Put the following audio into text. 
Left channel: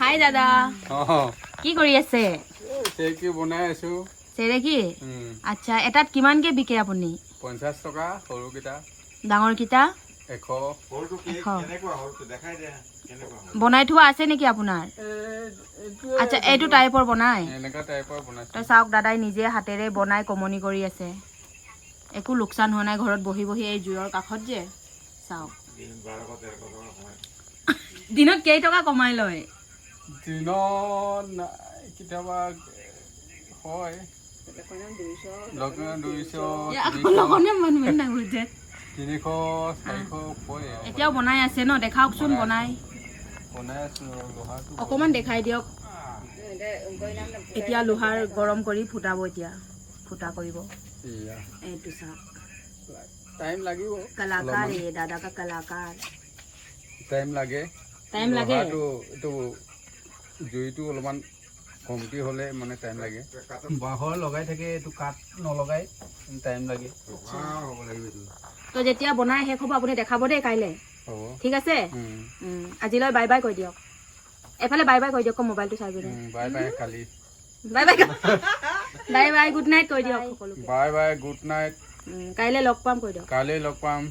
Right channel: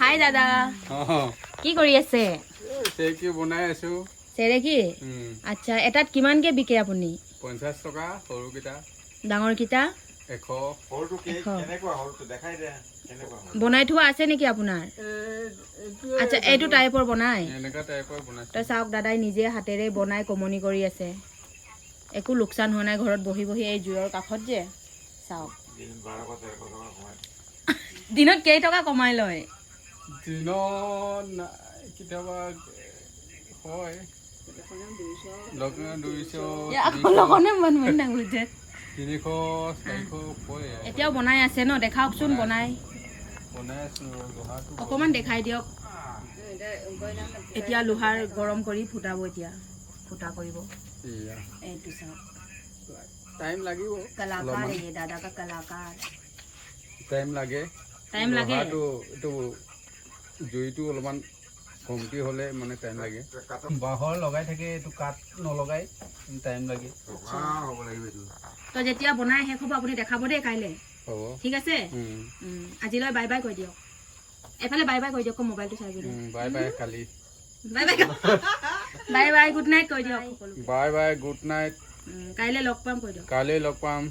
হাই দাদা অঁ কি কৰি আছে চেকি বনাই আছো চেৰেকি আচ্ছা এটাত কিমানকে বিকে আপুনি 50 টকা সৰুকেইটা ডাঙৰ কিটা 100 বনাই থোৱা আছে নেকি আপোনাৰ আচ্ছা এইটো টাইপৰ বনাই এনেকা টাইপৰ বনাইছো তো চাওক দাদাই নিজে হাতেৰে বনাই কমনি কৰি আছে একো লোকচান হোৱা নাই ঘৰত বহি বহি এই জুইৰ কাষত যে চাওক দিনত কেই টকা কমাই লয় দিনত কেতিয়াবা হয় 300 এতিয়াও বনাই আছে ন দেখাওকচোন বনাই আছো লোহাটো অকমান দেখাই দিয়ক এতিয়া লোহাৰ গৰম কৰি ফুটাব এতিয়া ফুটা কৰিব এইটো চাওক টাইম লাগিব কলাকাৰ এই দাদা কা কলাকাৰ টাইম লাগে লোহাটো এইটো জুইটো অলপমান কমটি হলে মানে টাইম লাগে বাহৰ লগাই থাকে এইটো কাঠ নলগাই টাইম লাগে হ'ব লাগিব এইটো তো যেতিয়া বনাই শেষ হ'ব আপুনি দেখাব দেই কাইলৈ হ'ব ঠিক আছে আজিলৈ বাই বাই কৈ দিয়ক এফালে বাই বাই কৈ দিয়ক মোবাইলটো চাই দিয়ক বাই বাই কালি bye bye bye bye good night কৈ দিয়ক বাই বাই গুড নাইট কাইলৈ লগ পাম কৈ দিয়ক কাইলৈ লগ পাম